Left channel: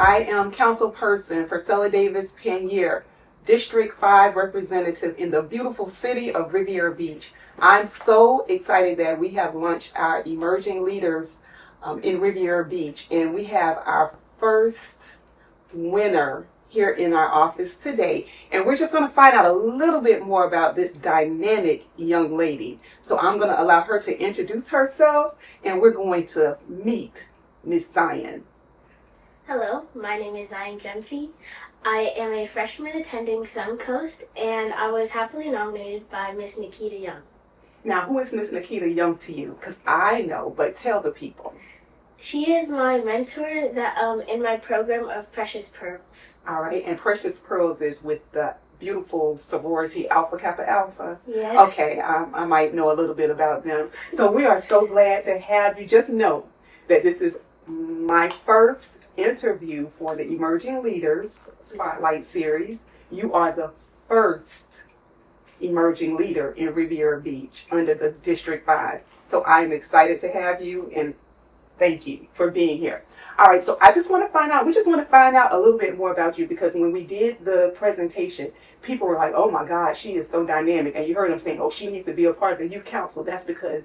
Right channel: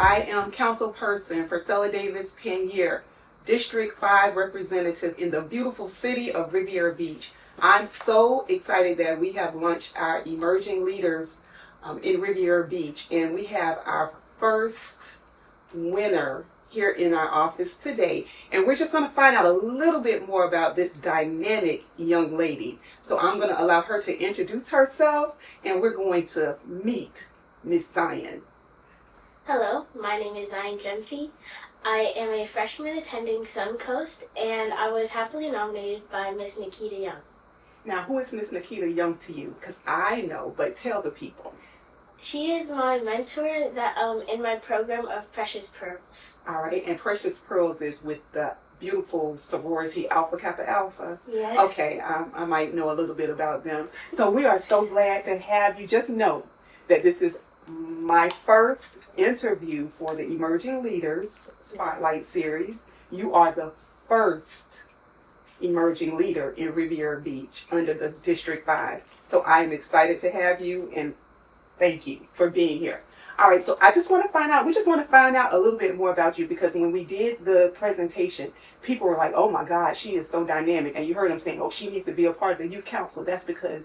I am councilperson for Stella Davis Panier, District 5 representative in the beautiful city of Riviera Beach. I'm so excited that we have launched our Emerging Leaders in Riviera Beach, and we have our first winner here in our office today, and we're just going to find out a little bit more about this dynamic young lady. So I'm going to allow her to introduce herself, and we're going to meet Miss Zion. Hello, my name is Zion Gemfi. I am a freshman attending Suncoast, and I was happily nominated by Miss Nikita Young. Now, who is Miss Nikita Young to you? Because I know, but tell the people. She is my mentor that in my program of Precious Pearls. All right, and Precious Pearls is with the beautiful sorority Alpha Kappa Alpha. Yes. Okay, I might know a little bit about them. So we are so glad to have you. Just know that this is my first interview for the Emerging Leaders Spotlight Series. You are the first emerging leader in Riviera Beach under the District 5. So I'm excited to have you, and thank you for being here. All right, so we just want to find out a little bit more about you, because when we did the presentation, people were like, oh my God, she is so dynamic. And you heard them saying, oh, she needs to be a part of the youth council. That's because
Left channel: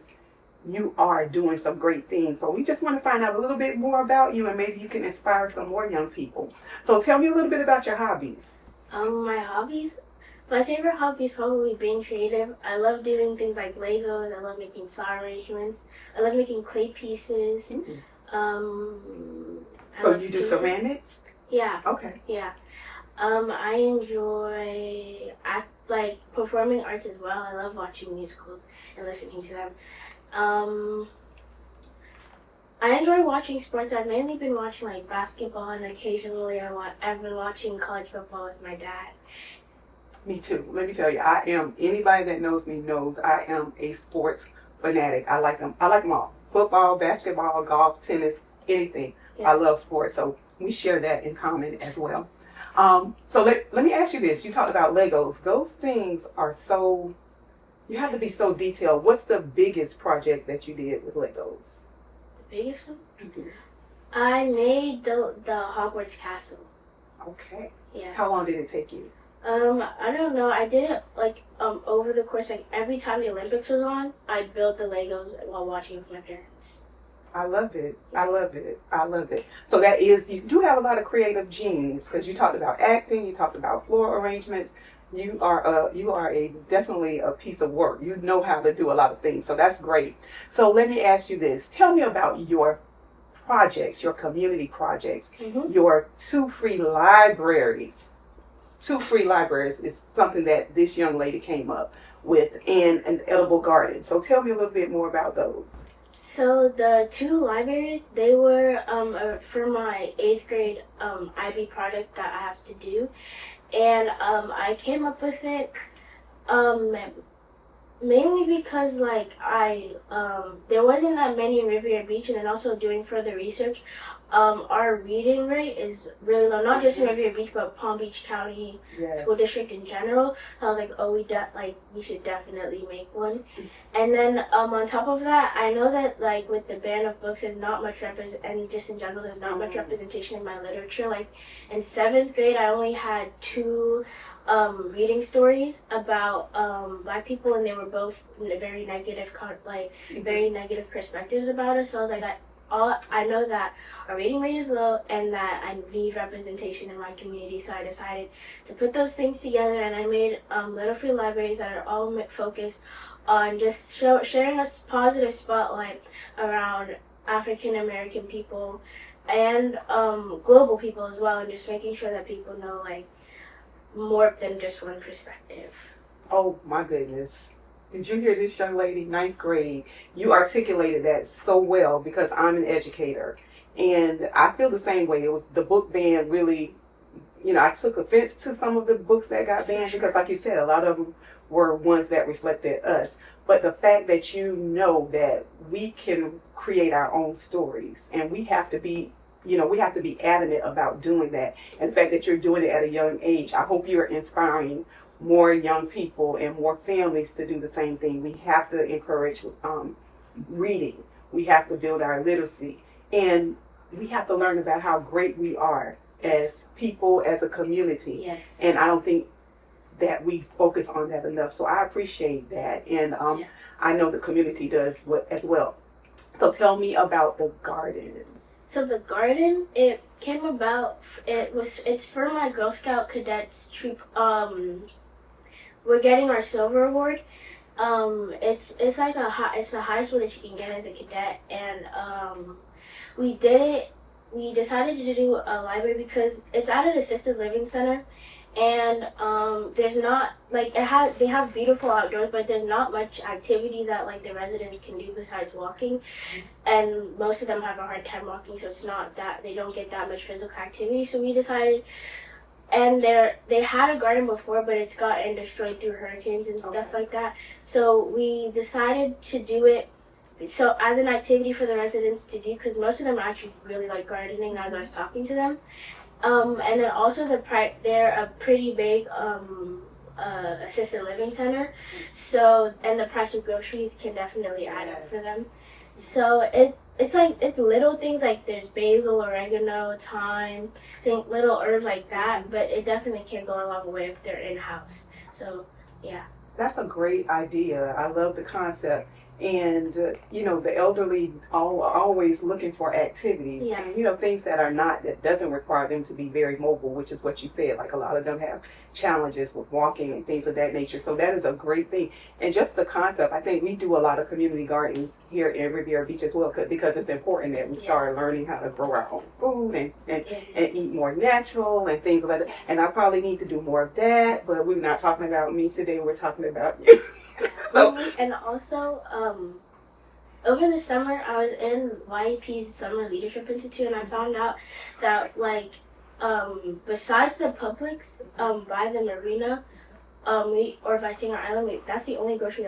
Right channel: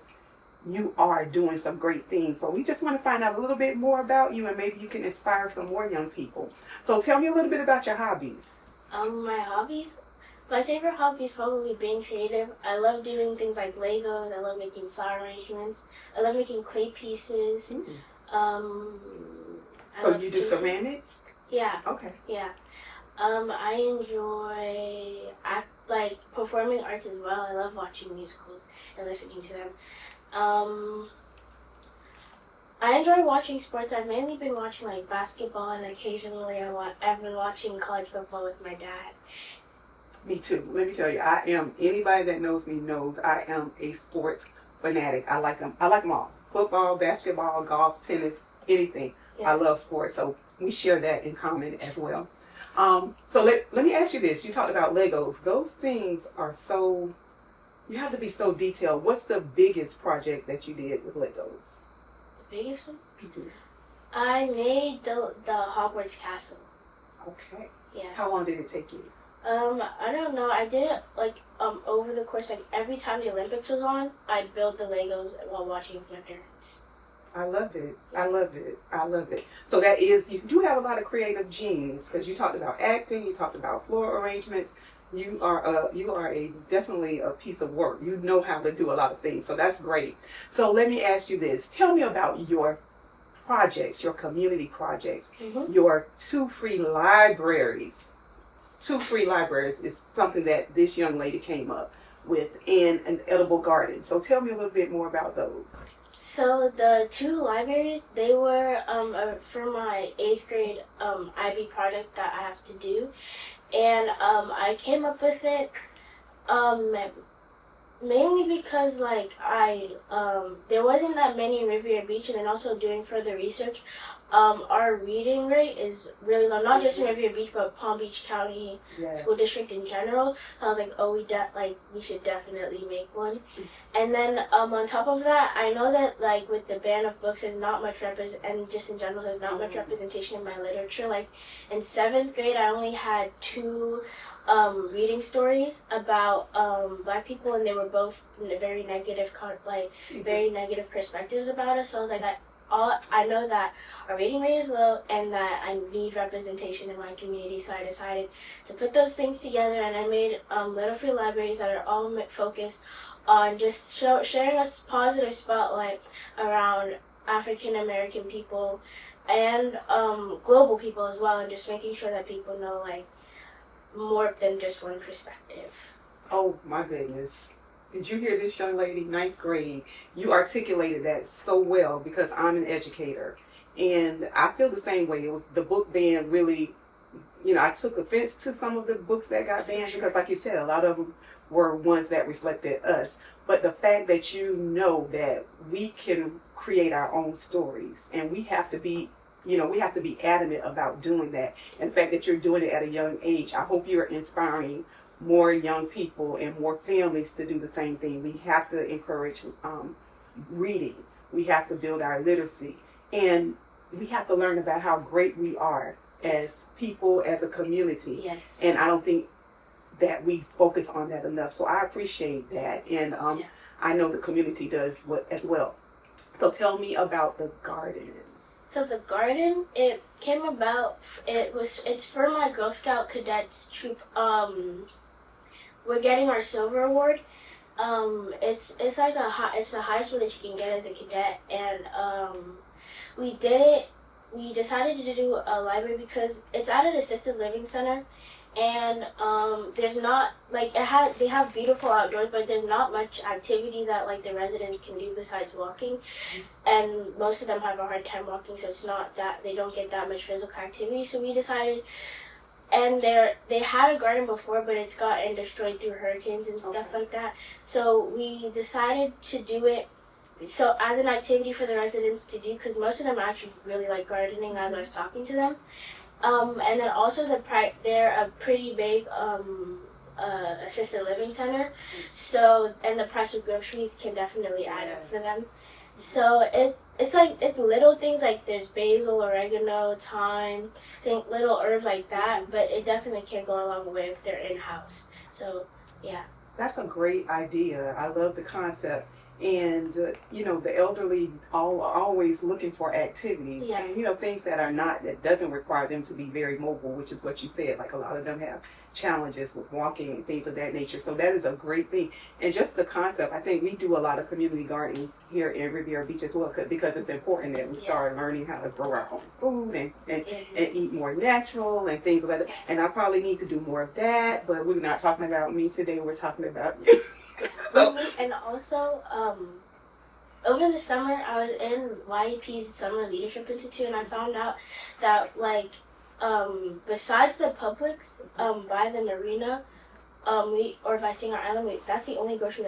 you are doing some great things. So we just want to find out a little bit more about you, and maybe you can inspire some more young people. So tell me a little bit about your hobbies. My hobbies? My favorite hobby is probably being creative. I love doing things like Legos. I love making flower arrangements. I love making clay pieces. So you do ceramics? Yeah. Okay. Yeah. I enjoy performing arts as well. I love watching musicals and listening to them. I enjoy watching sports. I've mainly been watching like basketball, and occasionally I've been watching college football with my dad. Me too. Let me tell you, anybody that knows me knows I am a sports fanatic. I like them all. Football, basketball, golf, tennis, anything. Yeah. I love sports, so we share that in common as well. So let me ask you this. You talked about Legos. Those things are so, you have to be so detailed. What's the biggest project that you did with Legos? The biggest one? Mm-hmm. I made the Hogwarts castle. Okay. Yeah. How long did it take you? I don't know. I did it over the course, every time the Olympics was on, I'd build the Legos while watching with my parents. I love it. I love it. I love it. So that is, you do have a lot of creative genes, because you talked about acting, you talked about floor arrangements. You are definitely a piece of work. You know how to do a lot of things. So that's great. So let me ask you this. Tell me about your projects, your community projects, your 2 free libraries. 2 free libraries is something that this young lady came up with, and an edible garden. So tell me a little bit more about those. So the 2 libraries, they were for my 8th grade IB project that I have to do. And I came up with it mainly because there wasn't that many in Riviera Beach, and then also doing further research, our reading rate is really low, not just in Riviera Beach, but Palm Beach County School District in general. So I was like, oh, we should definitely make one. And then on top of that, I know that with the ban of books, there's not much and just in general, there's not much representation in my literature. Like in 7th grade, I only had 2 reading stories about Black people, and they were both very negative, very negative perspectives about us. So I was like, I know that our reading rate is low and that I need representation in my community, so I decided to put those things together, and I made little free libraries that are all focused on just sharing a positive spotlight around African American people and global people as well, and just making sure that people know more than just one perspective. Oh my goodness. Did you hear this, young lady? 9th grade. You articulated that so well, because I'm an educator. And I feel the same way. It was the book ban really, I took offense to some of the books that got banned, because like you said, a lot of them were ones that reflected us. But the fact that you know that we can create our own stories, and we have to be adamant about doing that. And the fact that you're doing it at a young age, I hope you're inspiring more young people and more families to do the same thing. We have to encourage reading. We have to build our literacy, and we have to learn about how great we are as people, as a community. Yes. And I don't think that we focus on that enough. So I appreciate that. And I know the community does as well. So tell me about the garden. So the garden, it came about, it's for my Girl Scout cadets troop. We're getting our silver award. It's like it's the highest one that you can get as a cadet, and we decided to do a library because it's at an assisted living center, and there's not like they have beautiful outdoors, but there's not much activity that like the residents can do besides walking, and most of them have a hard time walking, so it's not that they don't get that much physical activity. So we decided, and they had a garden before, but it's gotten destroyed through hurricanes and stuff like that. So we decided to do it so as an activity for the residents to do, because most of them actually really like gardening as I was talking to them. And then also they're a pretty big assisted living center, so and the price of groceries can definitely add up for them. So it's little things like there's basil, oregano, thyme, little herbs like that, but it definitely can go a long way if they're in-house. So yeah. That's a great idea. I love the concept. And the elderly are always looking for activities, and things that doesn't require them to be very mobile, which is what you said. Like a lot of them have challenges with walking and things of that nature. So that is a great thing. And just the concept, I think we do a lot of community gardens here in Riviera Beach as well, because it's important that we start learning how to grow our own food and eat more natural and things like that. And I probably need to do more of that, but we're not talking about me today. We're talking about you. So, and also, over the summer, I was in YEP's Summer Leadership Institute, and I found out that, besides the Publix, by the marina, or by Singer Island, that's the only grocery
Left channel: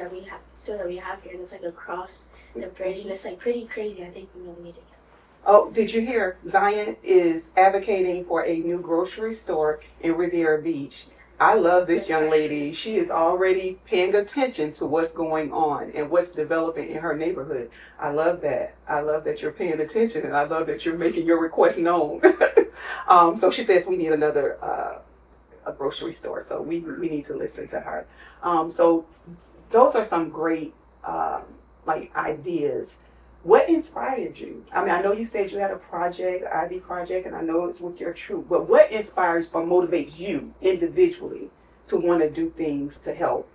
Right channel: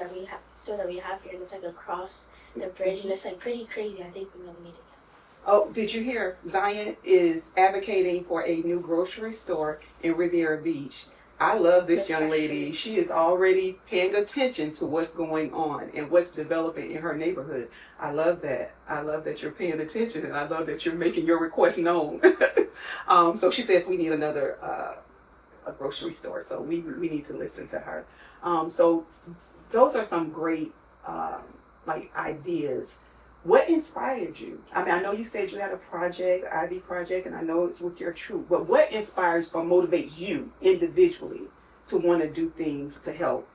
store that we have here, and it's across the bridge, and it's pretty crazy. I think we really need it. Oh, did you hear? Zion is advocating for a new grocery store in Riviera Beach. I love this young lady. She is already paying attention to what's going on and what's developing in her neighborhood. I love that. I love that you're paying attention, and I love that you're making your request known. So she says we need another a grocery store. So we need to listen to her. So those are some great ideas. What inspired you? I mean, I know you said you had a project, Ivy project, and I know it's with your troop, but what inspires or motivates you individually to want to do things to help?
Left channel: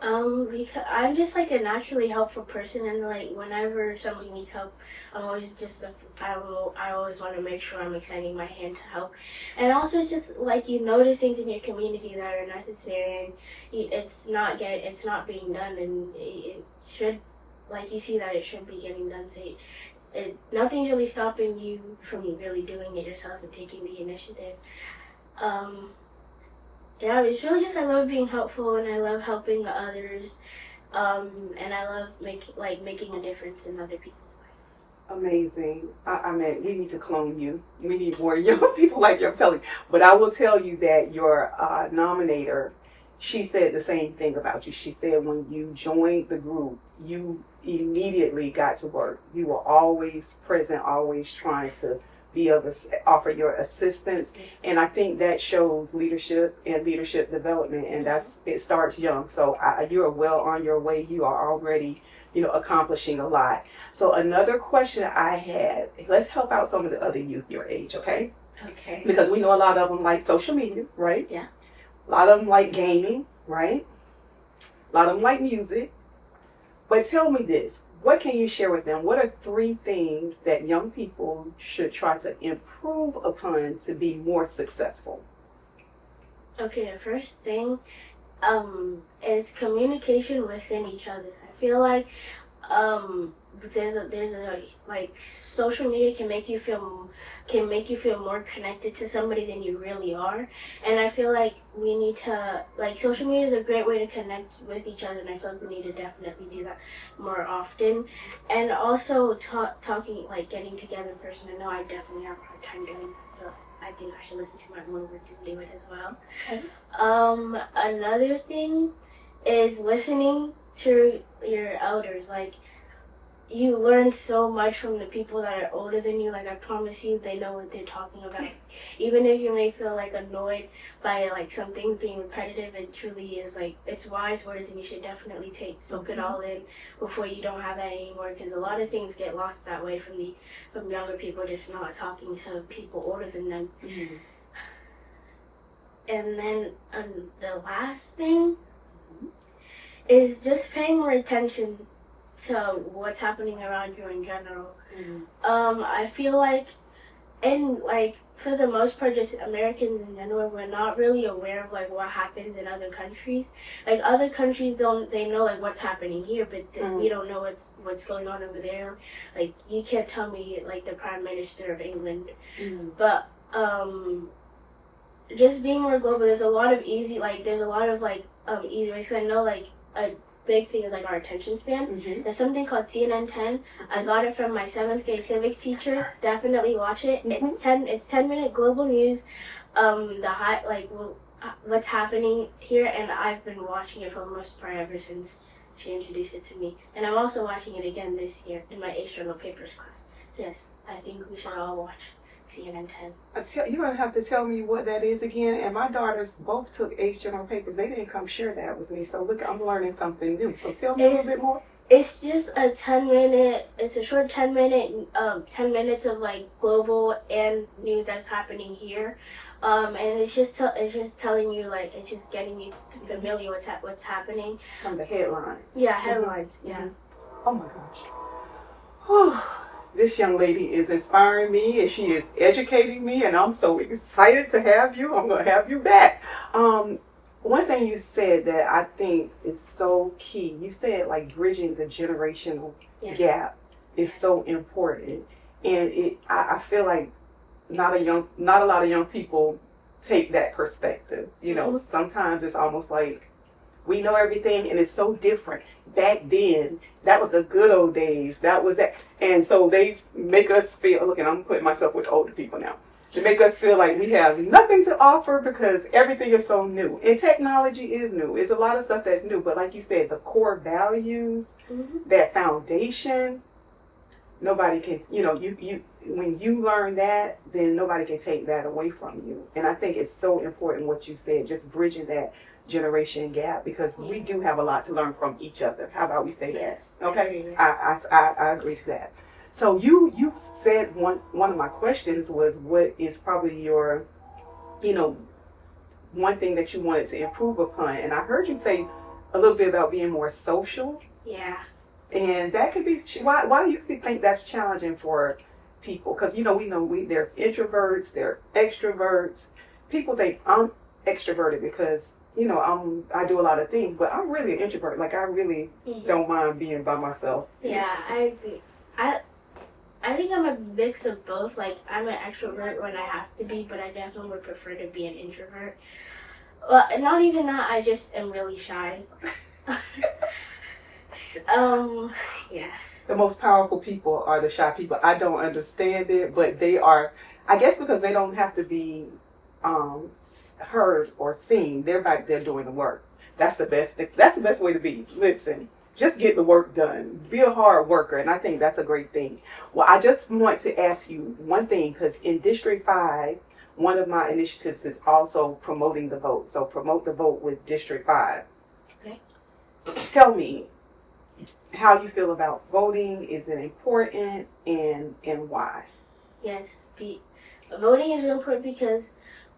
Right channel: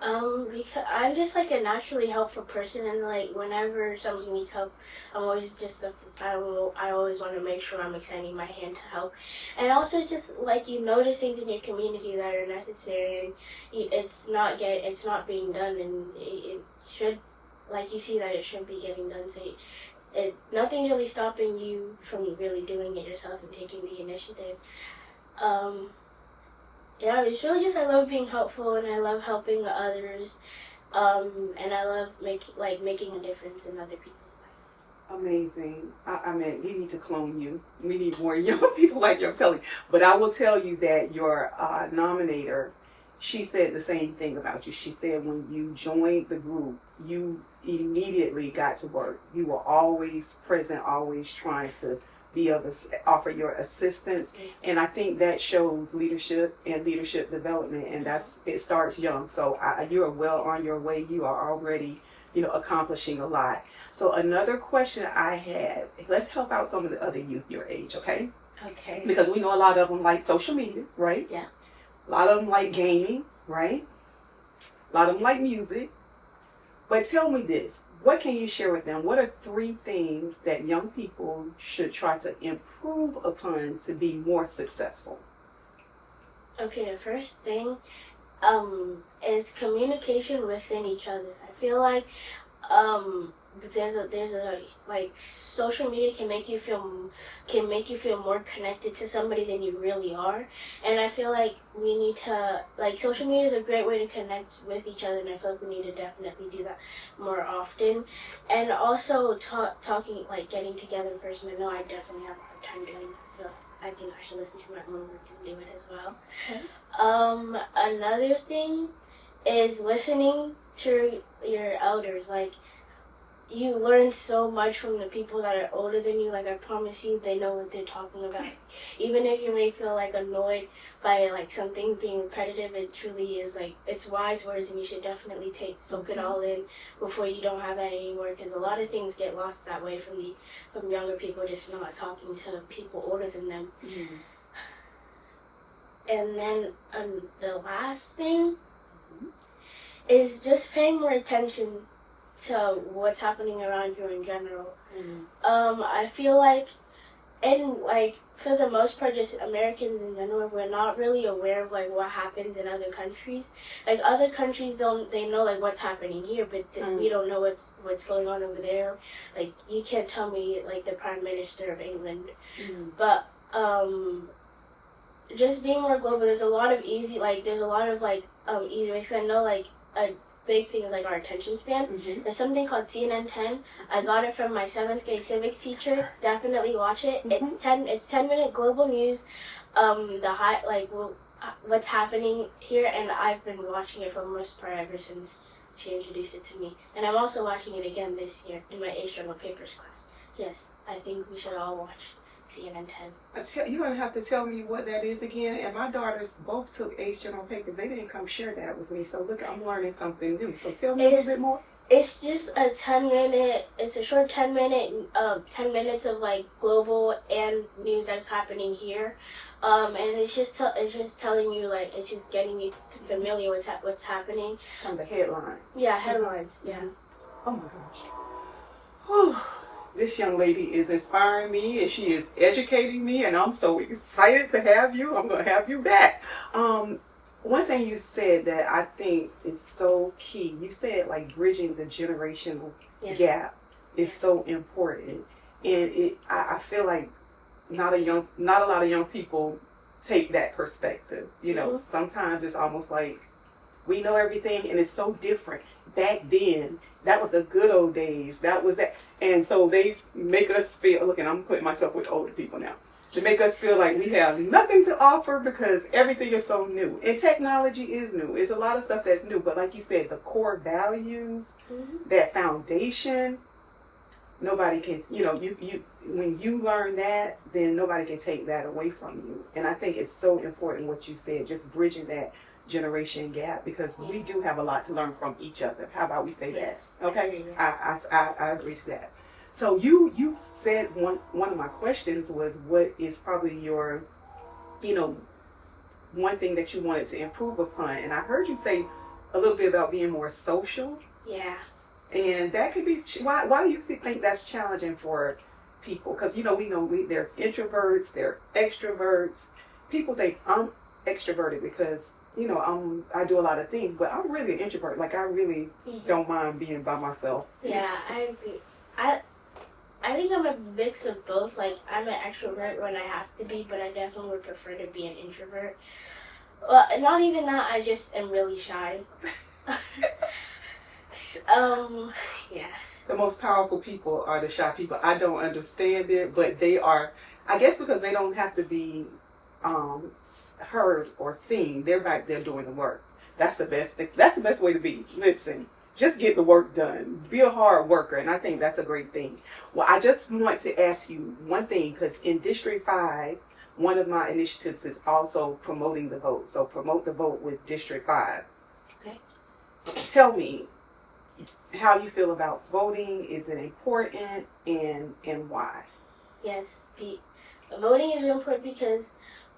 Because I'm just a naturally helpful person, and whenever somebody needs help, I'm always I always want to make sure I'm extending my hand to help, and also just you notice things in your community that are necessary, and it's not being done, and it should. You see that it should be getting done, so nothing's really stopping you from really doing it yourself and taking the initiative. It's really just I love being helpful, and I love helping others, and I love making a difference in other people's lives. Amazing. I mean, we need to clone you. We need more young people like you, I'm telling you. But I will tell you that your nominator, she said the same thing about you. She said when you joined the group, you immediately got to work. You were always present, always trying to offer your assistance. And I think that shows leadership and leadership development, and it starts young. So you are well on your way. You are already, accomplishing a lot. So another question I had, let's help out some of the other youth your age, okay? Okay. Because we know a lot of them like social media, right? Yeah. A lot of them like gaming, right? A lot of them like music. But tell me this, what can you share with them? What are 3 things that young people should try to improve upon to be more successful? Okay, the first thing is communication within each other. I feel like there's a social media can make you feel more connected to somebody than you really are, and I feel like we need to social media is a great way to connect with each other, and I feel like we need to definitely do that more often, and also talking getting together in person. I know I definitely have a hard time doing that, so I think I should listen to my own words and do it as well. Okay. Another thing is listening to your elders. you learn so much from the people that are older than you. Like, I promise you, they know what they're talking about. Even if you may feel like annoyed by like something being repetitive, it truly is like, it's wise words, and you should definitely soak it all in before you don't have that anymore, because a lot of things get lost that way from younger people just not talking to people older than them. Mm-hmm. And then the last thing is just paying more attention to what's happening around you in general. I feel like, and like for the most part, just Americans in general, we're not really aware of like what happens in other countries. Like other countries, they know like what's happening here, but we don't know what's going on over there. Like you can't tell me like the Prime Minister of England, but just being more global. There's a lot of easy ways. 'Cause I know like a big thing is like our attention span. There's something called CNN 10. I got it from my 7th grade civics teacher. Definitely watch it. It's 10-minute global news. What's happening here, and I've been watching it for the most part ever since she introduced it to me. And I'm also watching it again this year in my external papers class. So yes, I think we should all watch CNN 10. You're going to have to tell me what that is again. And my daughters both took Ace General Papers. They didn't come share that with me. So look, I'm learning something new. So tell me a little bit more. It's just a 10-minute, it's a short 10 minutes of like global and news that's happening here. And it's just telling you, like, it's just getting you familiar with what's happening. From the headlines. Yeah, headlines, yeah. Oh my gosh. Whew. This young lady is inspiring me, and she is educating me, and I'm so excited to have you. I'm going to have you back. One thing you said that I think is so key, you said like bridging the generational gap is so important. And I feel like not a lot of young people take that perspective. You know, sometimes it's almost like we know everything, and it's so different. Back then, that was the good old days. That was it. And so they make us feel, look, and I'm putting myself with older people now. They make us feel like we have nothing to offer because everything is so new. And technology is new. It's a lot of stuff that's new. But like you said, the core values, that foundation, nobody can, when you learn that, then nobody can take that away from you. And I think it's so important what you said, just bridging that generation gap, because we do have a lot to learn from each other. How about we say that? Okay, I agree to that. So you said one of my questions was, what is probably your, one thing that you wanted to improve upon, and I heard you say a little bit about being more social. Yeah. And that could be why do you think that's challenging for people? Because we know there's introverts, there are extroverts. People think I'm extroverted because I do a lot of things, but I'm really an introvert. Like, I really don't mind being by myself. Yeah, I agree. I think I'm a mix of both. Like, I'm an extrovert when I have to be, but I definitely would prefer to be an introvert. Well, not even that, I just am really shy. Yeah. The most powerful people are the shy people. I don't understand it, but they are, I guess because they don't have to be heard or seen. They're back there doing the work. That's the best thing. That's the best way to be. Listen, just get the work done. Be a hard worker, and I think that's a great thing. Well, I just want to ask you one thing, because in District 5, one of my initiatives is also promoting the vote. So promote the vote with District 5. Okay. Tell me how you feel about voting. Is it important, and why? Yes, voting is really important because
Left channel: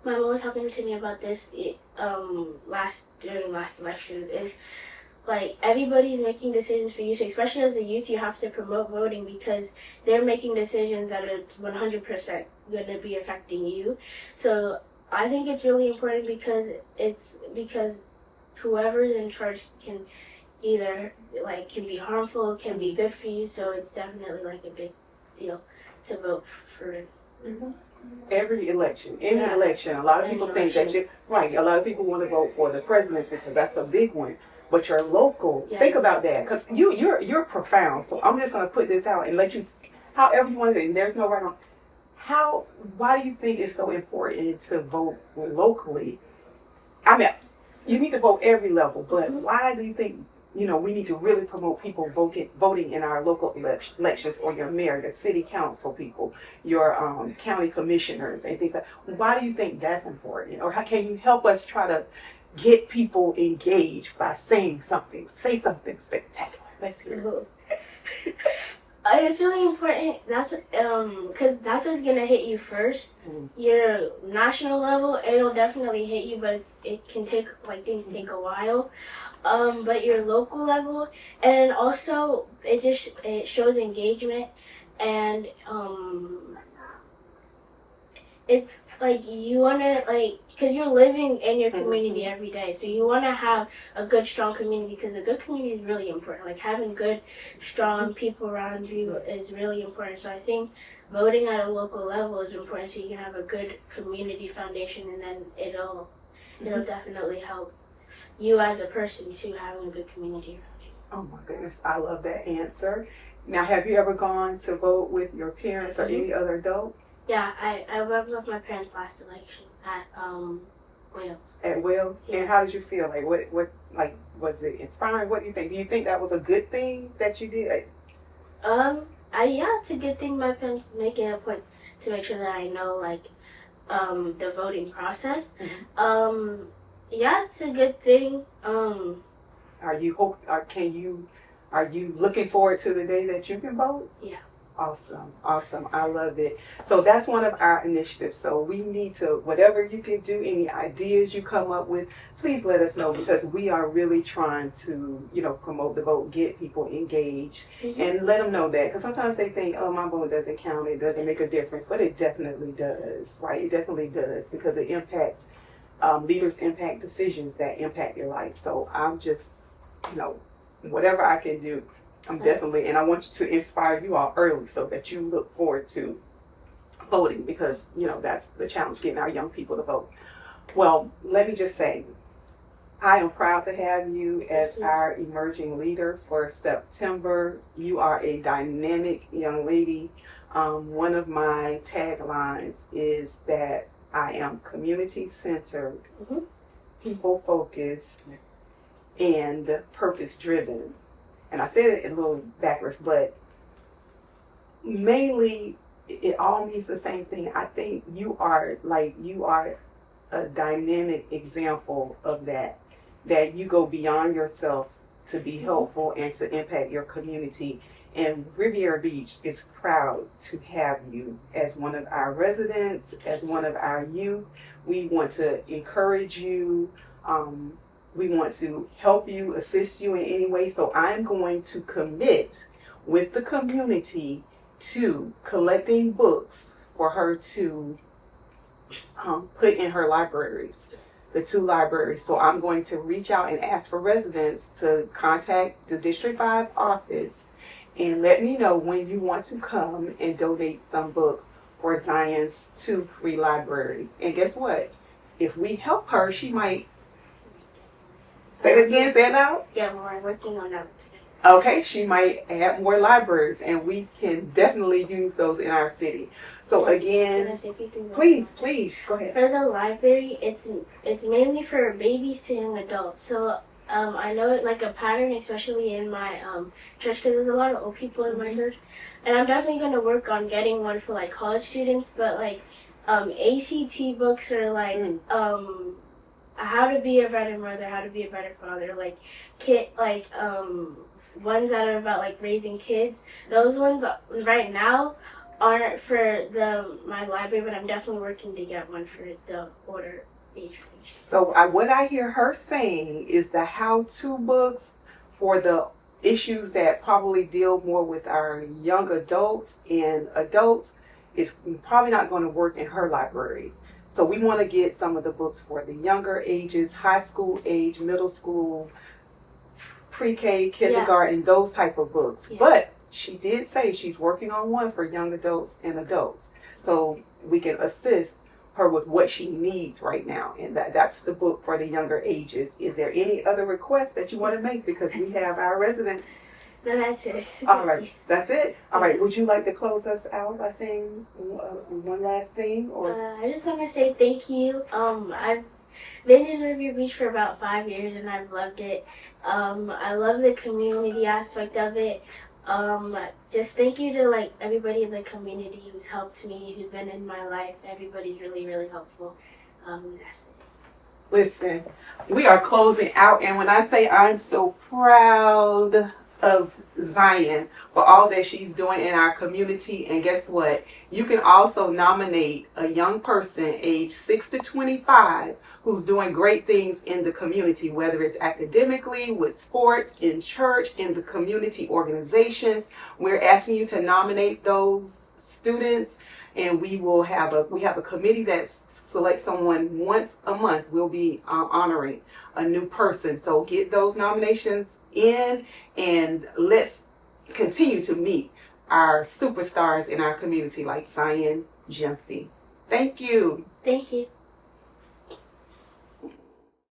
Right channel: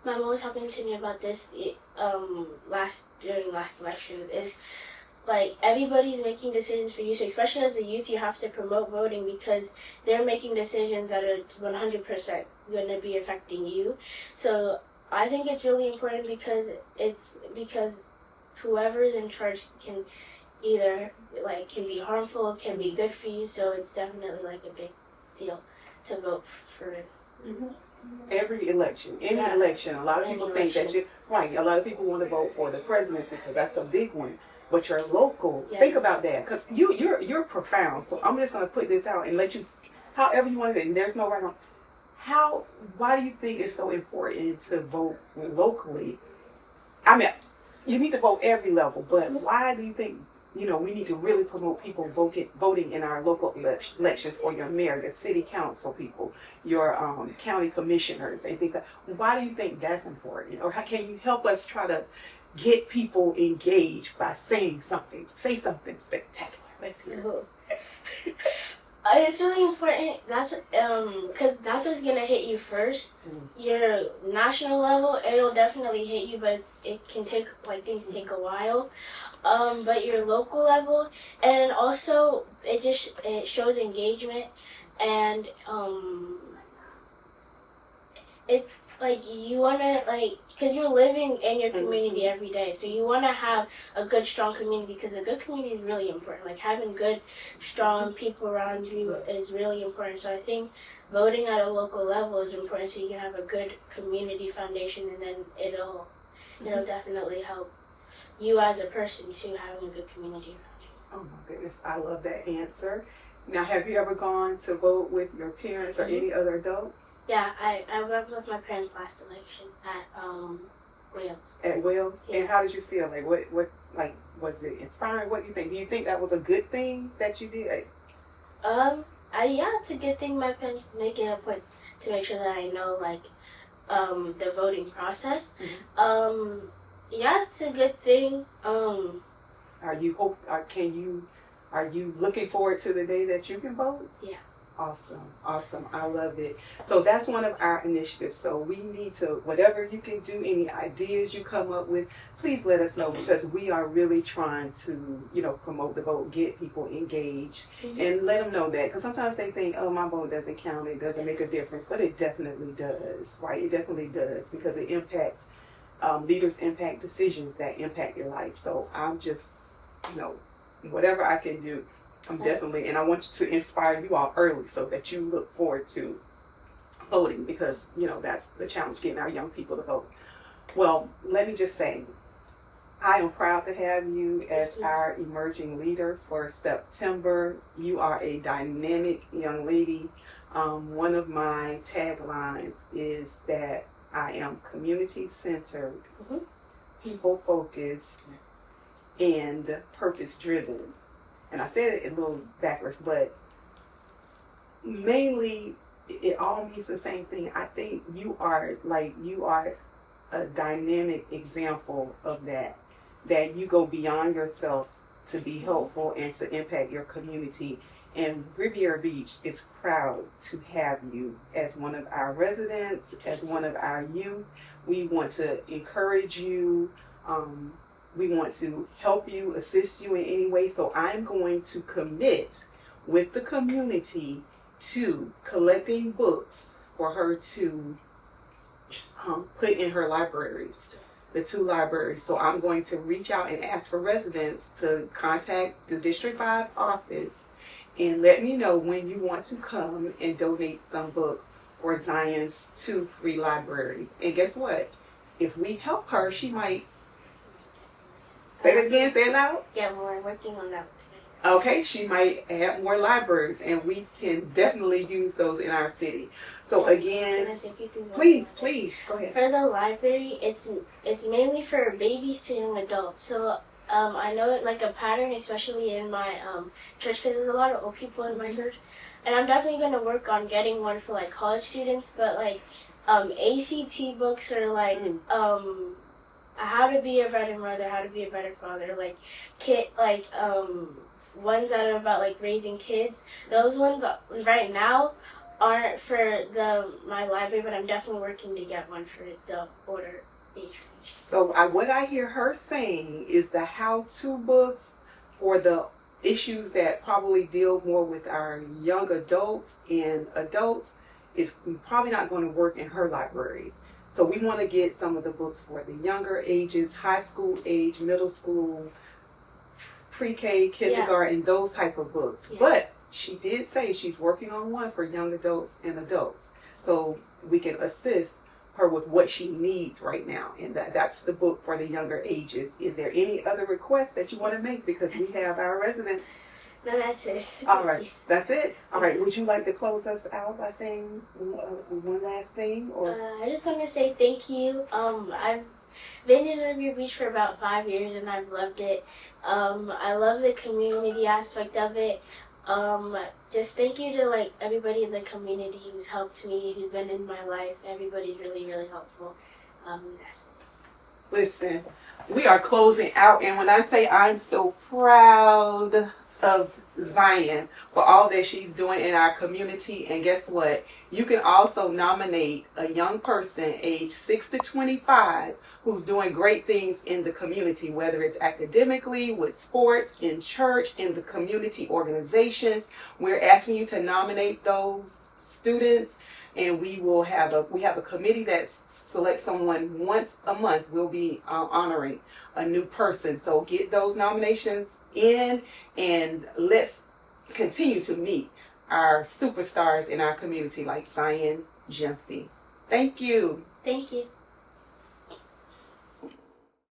my mom was talking to me about this during last elections. Is like everybody's making decisions for you, so especially as a youth, you have to promote voting because they're making decisions that are 100% going to be affecting you. So I think it's really important because whoever's in charge can either can be harmful, can be good for you. So it's definitely like a big deal to vote for. Every election, any election, a lot of people think that a lot of people want to vote for the presidency because that's a big one. But you're local. Yeah. Think about that, because you're profound. So I'm just going to put this out and let you, however you want to. And there's no right on. Why do you think it's so important to vote locally? I mean, you need to vote every level, but why do you think we need to really promote people voting in our local elections, or your mayor, your city council people, your county commissioners, and things like that. Why do you think that's important? Or how can you help us try to get people engaged by saying something? Say something spectacular. Let's hear it. It's really important. That's because that's what's gonna hit you first. Your national level, it'll definitely hit you, but it can take things take a while. But your local level, and also it shows engagement, and it's you wanna because you're living in your community every day, so you want to have a good, strong community, because a good community is really important. Having good, strong people around you is really important. So I think voting at a local level is important, so you can have a good community foundation, and then it'll definitely help you as a person too, having a good community around you. Oh my goodness, I love that answer. Now, have you ever gone to vote with your parents or any other adult? Yeah, I went with my parents last election at Wales. At Wales? Yeah. And how did you feel? What was it inspiring? What do you think? Do you think that was a good thing that you did? Yeah, it's a good thing my parents make it a point to make sure that I know the voting process. Yeah, it's a good thing. Are you looking forward to the day that you can vote? Yeah. Awesome. I love it. So that's one of our initiatives. So we need to, whatever you can do, any ideas you come up with, please let us know, because we are really trying to, promote the vote, get people engaged, and let them know that. Because sometimes they think, oh, my vote doesn't count, it doesn't make a difference, but it definitely does, right? It definitely does, because it impacts, leaders impact decisions that impact your life. So I'm just, whatever I can do, I'm definitely, and I want you to inspire you all early so that you look forward to voting, because, that's the challenge, getting our young people to vote. Well, let me just say, I am proud to have you as our emerging leader for September. You are a dynamic young lady. One of my taglines is that I am community-centered, people-focused, and purpose-driven. And I said it a little backwards, but mainly it all means the same thing. I think you are a dynamic example of that you go beyond yourself to be helpful and to impact your community. And Riviera Beach is proud to have you as one of our residents, as one of our youth. We want to encourage you. We want to help you, assist you in any way. So I'm going to commit with the community to collecting books for her to put in her libraries, the 2 libraries. So I'm going to reach out and ask for residents to contact the District 5 office and let me know when you want to come and donate some books for Zion's 2 free libraries. And guess what? If we help her, she might... Say it again, say it loud. Yeah, we're working on that today. Okay, she might add more libraries, and we can definitely use those in our city. So again, Can I say a few things? please, go ahead. For the library, it's mainly for babies to young adults. So I know it a pattern, especially in my church, because there's a lot of old people in my church, and I'm definitely going to work on getting one for college students. But ACT books are how to be a better mother, how to be a better father, ones that are about raising kids. Those ones right now aren't for my library, but I'm definitely working to get one for the older age range. So what I hear her saying is the how-to books for the issues that probably deal more with our young adults and adults is probably not going to work in her library. So we want to get some of the books for the younger ages, high school age, middle school, pre-K, kindergarten, those type of books. Yeah. But she did say she's working on one for young adults and adults. So we can assist her with what she needs right now. And that's the book for the younger ages. Is there any other requests that you want to make? Because we have our residents. No, that's it. All right, that's it. All right, would you like to close us out by saying one last thing? Or I just want to say thank you. been in Riviera Beach for about 5 years and I've loved it. I love the community aspect of it. Just thank you to like everybody in the community who's helped me, who's been in my life. Everybody's really, really helpful. That's it. Listen, we are closing out, and when I say I'm so proud of Zion for all that she's doing in our community, and guess what? You can also nominate a young person age 6 to 25 who's doing great things in the community, whether it's academically, with sports, in church, in the community organizations. We're asking you to nominate those students, and we have a committee that selects someone once a month. We'll be honoring a new person. So get those nominations in, and let's continue to meet our superstars in our community like Zion Gyamfi. Thank you. Thank you.